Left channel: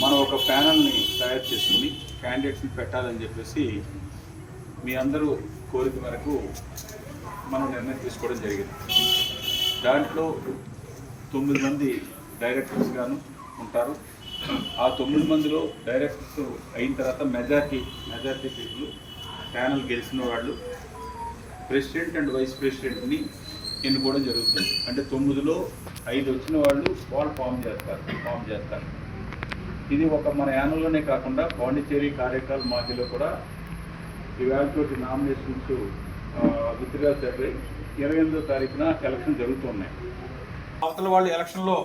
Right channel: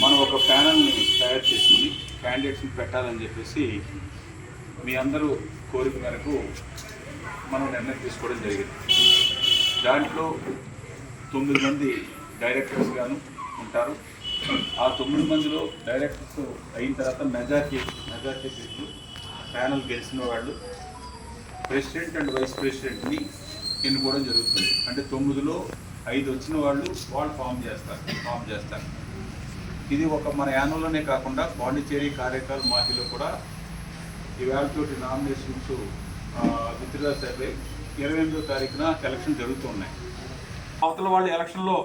మనం ఒక ప్యానల్ని తయారు చేసుకుని క్యాండిడేట్స్ని పెట్టాలని చెప్పేసి మీ అందరూ కోరిక మేరకు మనం నిర్ణయం తీసుకోవడం జరిగింది. దాంట్లో తొమ్మిది మంది డైరెక్టర్స్ గాను ఉంటారు. ఆ తొమ్మిది మందిలో డైరెక్టర్స్ అయిన తర్వాత మెజార్టీ మెజార్టీ పీపుల్ ప్యానల్ గెలిచిన వాళ్ళు ప్రెసిడెంట్ అండ్ వైస్ ప్రెసిడెంట్ని ఎన్నుకోవడం జరుగుతుంది. అంటే తొమ్మిదిలో ఐదు వచ్చిన వాళ్ళు వాళ్ళు ఫామ్ చేస్తారు ఫామ్ చేస్తారు. ఇది ఒక మన యానంలోనే కాకుండా పాండిచ్చేరి కార్యకాల్ మాహిలో కూడా ఇవాళతోటి నామినేషన్స్ విత్డ్రా అయిపోయి ఇరవై ఎనిమిదో తారీఖున ఎలక్షన్ జరుగుతున్నాయి అవతల వాళ్ళు ఎలక్షన్లో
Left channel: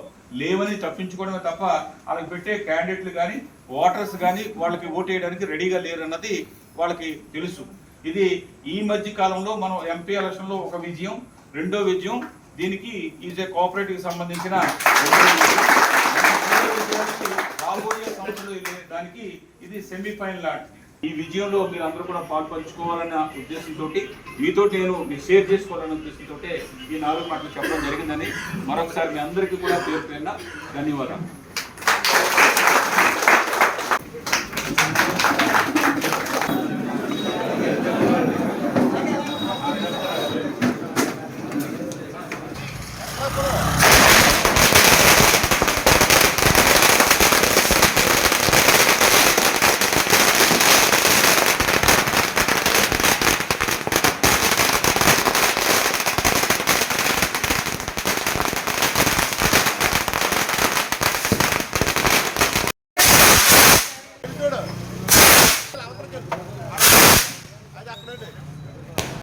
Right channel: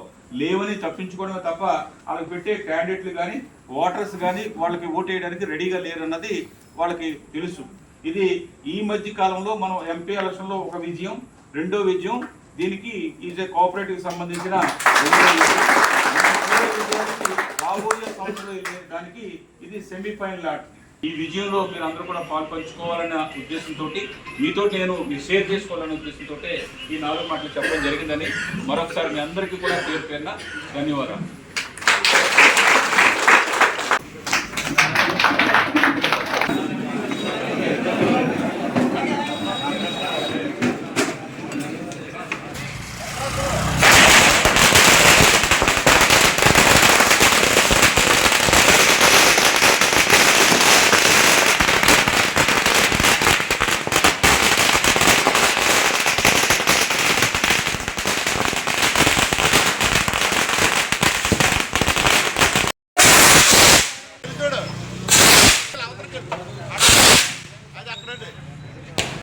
లేవని తప్పించుకోవడమే తప్ప వాళ్ళకి పెట్టే క్యాండిడేట్లు కానీ ఓటర్స్ కానీ వాళ్ళకి ఓటు వేయడానికి రెడీగా లేరన్నది వాళ్ళకి తెలుసు. ఇది ఈ మధ్య కాలంలో మనం ఎంపీ ఎలక్షన్లో ఒక విజయం రెండో విజయం దీనికి ఈజ్ ఏ కోఆపరేటివ్కి సంబంధించిన రెండో విజయం. రెండో విజయానికి రాబోయే సంవత్సరంలో వెళ్ళే దానికి ఇది సెమీఫైనల్ ఆట ఈ విజయంలో మీరు అందరూ కూడా పాల్పంచుకోవాలన్న ఉద్దేశంతో మీతో నేను మీరు షేర్ చేసుకోవాలనే ఉద్దేశంతో ఈ నాలుగు మాటలు చెప్పడం జరిగిందని మరొకసారి మీ అందరికీ కూడా పేరు పేరున ధన్యవాదాలు Bravo!